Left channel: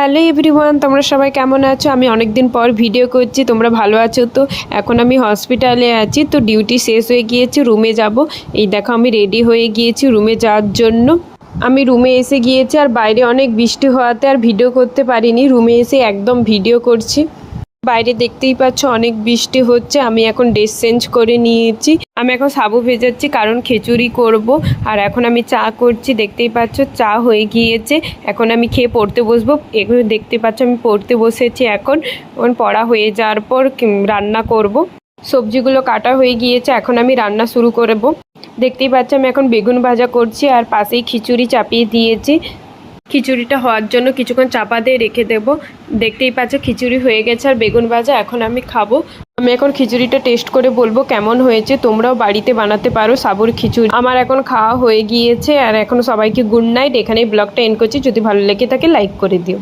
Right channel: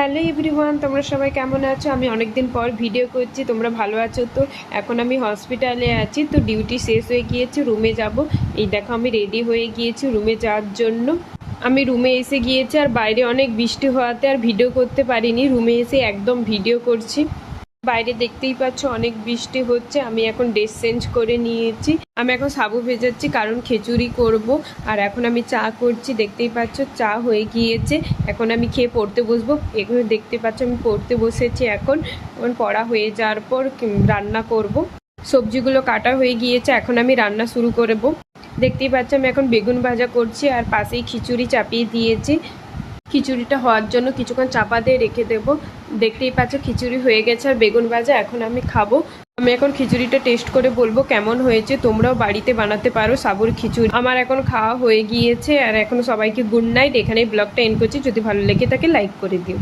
Hello everyone, তোমরা সবাই কেমন আছো? আমি অনেক দিন পর ভিডিও করছি, তোমরা ভালো আছো তো? এখন আমি হসপিটালে আছি, তো ডিউটি শেষ হয়ে গিয়েছে, রুমে যাব। এই দেখো আমি রেডি হয়ে গিয়েছি রুমে যাওয়ার জন্য। আমি রুমে এসে গিয়েছি আর বাইরে অনেক বৃষ্টি হওয়াতে আর ভিডিও করতে পারিনি। রুমে এসে একদম ভিডিও করছি। বাইরে দেখতেই পাচ্ছ অনেক বৃষ্টি হচ্ছে। আমি এখন ড্রেস চেঞ্জ করে নিয়েছি। আমি এখন সাবু ভেজাচ্ছি কারণ খিচুড়ি করব। আর এখন আমি চা করছি, দেখতেই পাচ্ছ চা হয়ে গিয়েছে। এখন আমি খেয়ে পড়তে বসবো। এগুলো দেখতে পাচ্ছ আমি পড়তে বসেছি। এখন পড়া হয়ে যাওয়ার পর রান্না করব। সবজিগুলো কাটা হয়ে গিয়েছে, এখন আমি রান্না শুরু করব। দেখতেই পাচ্ছ আমি এখন বেগুন ভাজা করছি আর পাশেই খিচুড়ি চাপিয়ে দিয়েছি। খিচুড়িটা হওয়ার জন্য কিছুক্ষণ চাপা দিয়ে রেখে দেব। দেখতেই পাচ্ছ খিচুড়ি হয়ে গেছে আর বেগুন ভাজা এখন আমি খাবো। আমি এখন খিচুড়িটা টেস্ট করে বলবো কেমন হয়েছে। তোমরাও বাড়িতে বানাতে পারো সাবুর খিচুড়ি। আমার এখন খাওয়া হয়ে গিয়েছে আর এখন সবাইকে গুড নাইট। এখানেই ব্লগটা এন্ড করছি। যদি ভালো লেগে থাকে লাইক করে দিও।